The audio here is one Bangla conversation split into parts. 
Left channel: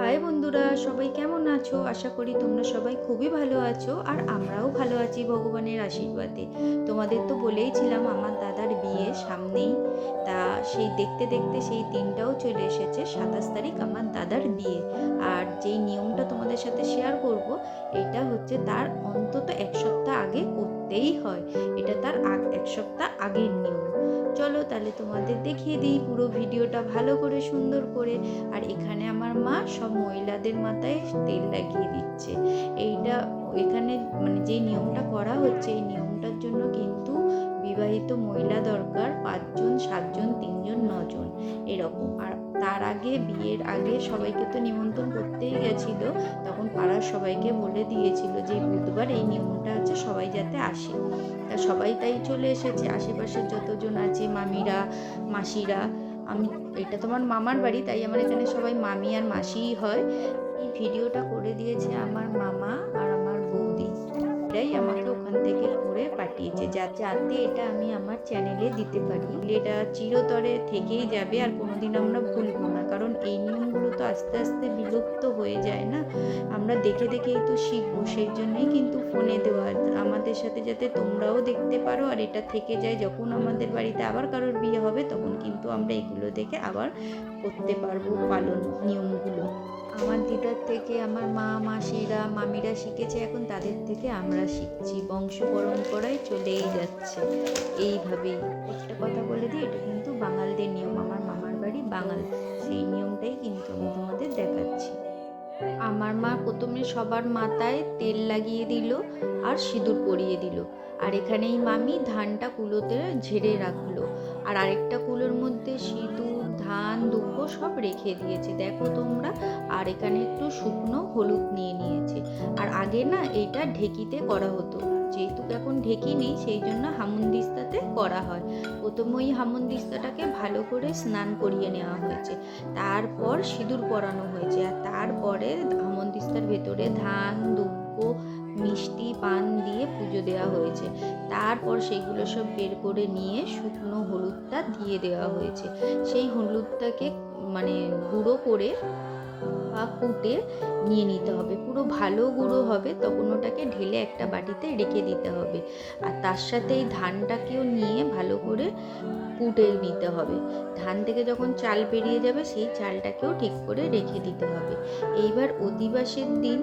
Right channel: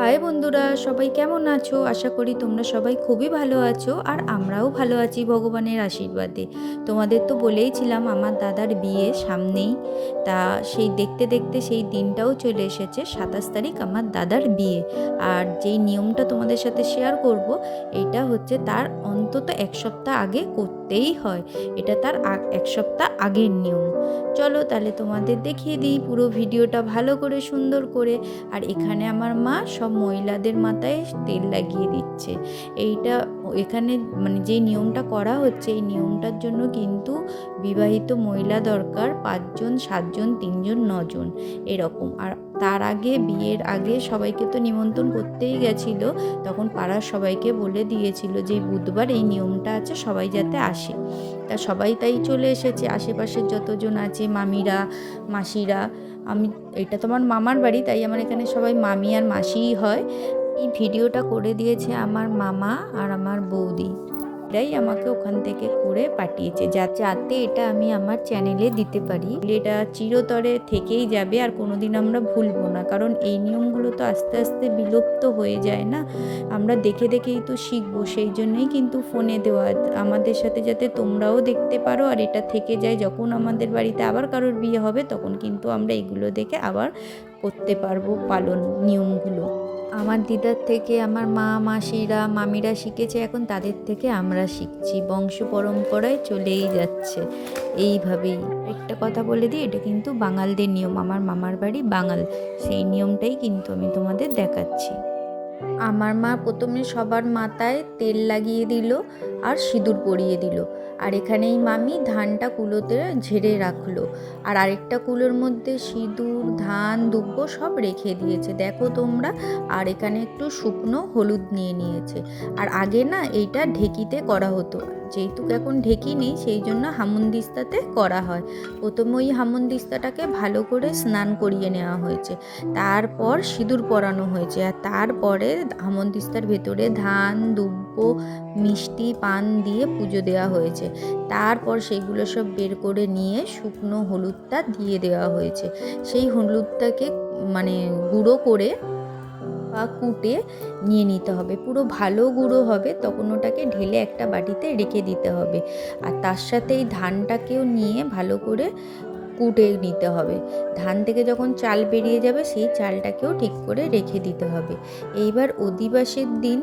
হাই বন্ধুরা, সবাই কেমন আছো? আশা করি তোমরা সবাই খুবই ভালো আছো আর আমরাও ভালো আছি ভগবানের আশীর্বাদে। তোমাদের তো বলেইছিলাম, আমার দাদার বিয়ে সামনেই। তা সেই দেখতে দেখতে সেই দিনটাও চলে এসেছে, সাতাশ তারিখ আমার দাদার বিয়ে। আর যেই নিয়মটা তোমাদের সাথে শেয়ার করব, এটা হচ্ছে তার অন্তত এক সপ্তাহ আগে করতেই হয়। এটা তার এক সপ্তাহ আগের নিয়ম। চলো তাহলে তোমাদের দেখিয়ে দিই পুরো ভিডিওটা ভালো করে সুন্দর করে। আর এখানে আমার মা সব মহিলাদের মাথায় তেল লাগিয়ে এখানে মানে যে নিয়মটা করা হচ্ছে, এই নিয়মটার জন্য কিন্তু বিবাহিত মহিলা দরকার পাঁচজন, সাতজন, তিনজন, নজন এরকম। আর তার আগে, বিয়ের আগে সবাইকে তো নিমন্ত্রণ করতেই গেছিল, তখন পাড়ার সবাইকে বলে দিয়েছিল যে বুধবার এই নিয়মটা আছে, সবাই যাতে আসে। তা সবাই তাই চলে এসেছে, আশেপাশের যতজন আছে, মামিরা, মাসিরা, আমি, এটা তোমার মামার বাড়ি, তাই আমার এখানে সবাই মামি আর মাসিই হয়। এই ভিডিওটা করে দিয়েছে আমার মামা আর আমার বৌদি। এটাই আমাকে ওখান থেকে করে পাঠিয়েছে যা যাতে এটা আমি আমার চ্যানেলে দিতে পারি। এটা চিরতরে থেকেই যাবে আর কোনোদিন আমরা ভুলবো না, কারণ এই নিয়মগুলো তো আস্তে আস্তে বিলুপ্ত হয়ে যায় না। আমরা দেখে দেখেই তো শিখব, সেই জন্যই কিন্তু ফোনে দেওয়া। আমাদের সাথে যাতে তোমরাও দেখতে পারো আর এটা থেকে যায়, যখন আমাদের বাড়িতে আবার কারোর বিয়ে হবে, তখন কিন্তু আমরা এগুলো দেখে আবার করতে পারব পালন নিয়মগুলো। আমার দিদার থেকে আমার মা, মাসিরা, মামিরা শিখেছে, এখন তাদের থেকে আমরা শিখছি। বংশ পরম্পরায় চলেই যাচ্ছে। এইভাবেই। একটা কথা বলে দিই, এটা কিন্তু বাঙালদের নিয়ম। আমার মামার বাড়ি বাঙাল। সেই নিয়মটাই কিন্তু আমি তোমাদের দেখাচ্ছি। আমার মা প্রথমে সবার মাথায় তেল লাগিয়ে দিল আর সিঁদুর পরিয়ে দিল। আর এখানেই মামি ধানটা কুলোতে ঝেড়ে রাখল। আর আরেকটা কুলোর মধ্যে সিঁদুর, ধান, দুব্বো সব রেখে দিয়েছে। দেখো তোমরা, আর এখানে একটু শুকনো হলুদ নিয়ে নিয়েছে। আর আগে না এইটা ঢেকিতে করা হতো। যেহেতু এখন ঢেকি নেই, সেই জন্য হামুনদিস্তাতে করা হয়। প্রথমে ওই হামুনদিস্তাটাকে ভালো করে স্নান করিয়ে নেওয়া হয়েছে। তারপর সিঁদুর পরানো হয়েছে। আর তারপরে হামনদিস্তার ভেতরে ধান, দুব্ব, মিষ্টি, পান দিয়ে পুজো দেওয়া হয়েছে। তারপর সেইগুলো সব বের করে নিয়ে শুকনো হলুদটা দিয়ে দেওয়া হয়েছে। সেই হলুদটাকে মানে গুঁড়ো করে বা কুটে নিয়ে নিতে হবে। পুরো ভালো গুঁড়ো হবে, তখন ওটাকে ঢেলে একটা বাটিতে রেখে দিতে হবে। আর তার সাথে এই ধানটাকেও নিয়ে ভালো করে কুটে নিতে হবে। ধান থেকে যখন চাল বেরিয়ে যাবে, সেই চালটাকেও ঠিক করে রেখে দিতে হবে। এইবার অধিবাসের দিন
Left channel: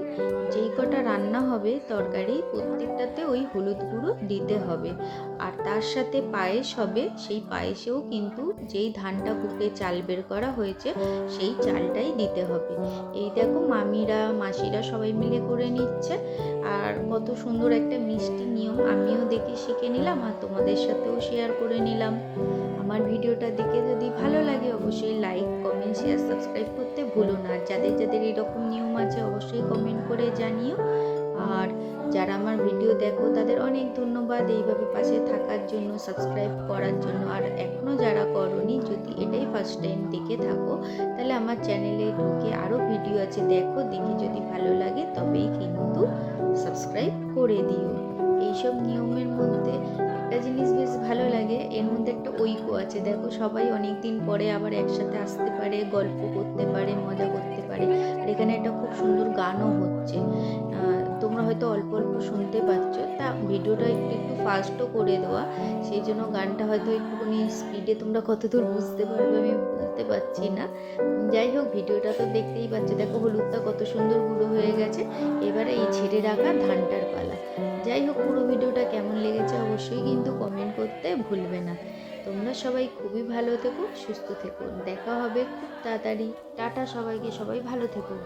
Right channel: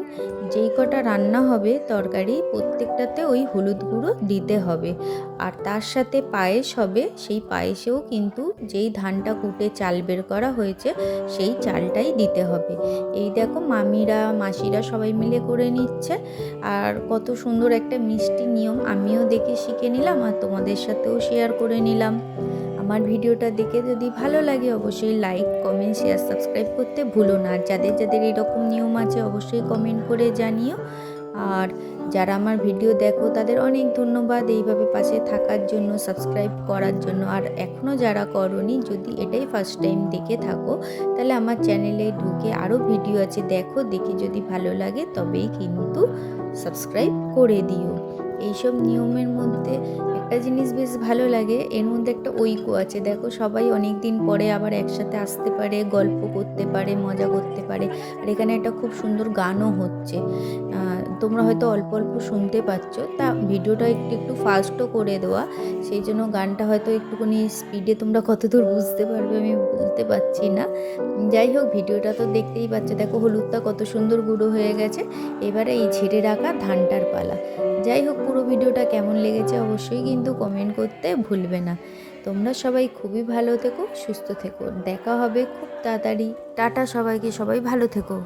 যেই কটা রান্না হবে তরকারি, প্রত্যেকটাতে ওই হলুদ গুঁড়ো দিতে হবে। আর তার সাথে পায়েস হবে, সেই পায়েসেও কিন্তু যেই ধানটা কুটে চাল বের করা হয়েছে, সেই চালটাই দিতে হবে। এই দেখো মামিরা, মাসিরা সবাই মিলে করে নিচ্ছে। আর কত সুন্দর একটা মিষ্টি নিয়ম আমিও দেখে শিখে নিলাম আর তোমাদের সাথেও শেয়ার করে নিলাম। আমার ভিডিওটা দেখে যদি ভালো লাগে অবশ্যই লাইক কমেন্ট শেয়ার সাবস্ক্রাইব করতে ভুলো না। যাদের যাদের এরকম নিয়ম আছে অবশ্যই কমেন্ট করে জানিও। আর যারা আমার ভিডিও দেখো, তাদের অনেক ধন্যবাদ এইভাবে পাশে থাকার জন্য সাবস্ক্রাইব করার জন্য। আর এখনও যারা করনি, যদি এটাই ফার্স্ট টাইম দেখে থাকো, তাহলে আমার চ্যানেলে ঢুকে আরও ভিডিও আছে, দেখো, দেখে যদি ভালো লাগে, তবেই কিন্তু সাবস্ক্রাইব করে দিও। এইসব নিয়মের মধ্যে একটা জিনিস বেশ ভালো লাগে, এর মধ্যে একটা ঐক্য আছে। দেখো, সবাই অনেক দিন পরে আবার একসাথে আসতে পারে, গল্প করতে পারে, মজা এখানে একটা খুব সুন্দর গানও হচ্ছে। তোমরা হয়তো অল্প অল্প শুনতে পাচ্ছ। তা ভিডিওটা একটু একটু ফাস্টও করে দেওয়া। সেই জন্য গানটা হয়তো একটুখানি স্পিডে তোমরা কতদূর বুঝতে পারবে আমি বুঝতে পারছি না। যাই হোক, ভিডিওটা তো দেখতেই পাচ্ছ। দেখো হলুদটা কত সুন্দর গুঁড়ো হয়ে গেছে। এবারে এই ছেড়ে রাখা ধানটার পালা। যাই হোক, পুরো ভিডিওটা কেমন লেগেছে অবশ্যই কিন্তু কমেন্ট করতে ভুলবে না। তোমরা সবাই খুবই ভালো থেকো, সুস্থ থেকো। দেখা হবে খুব তাড়াতাড়ি। টাটা সবাইকে, সবাই ভালো থেকো।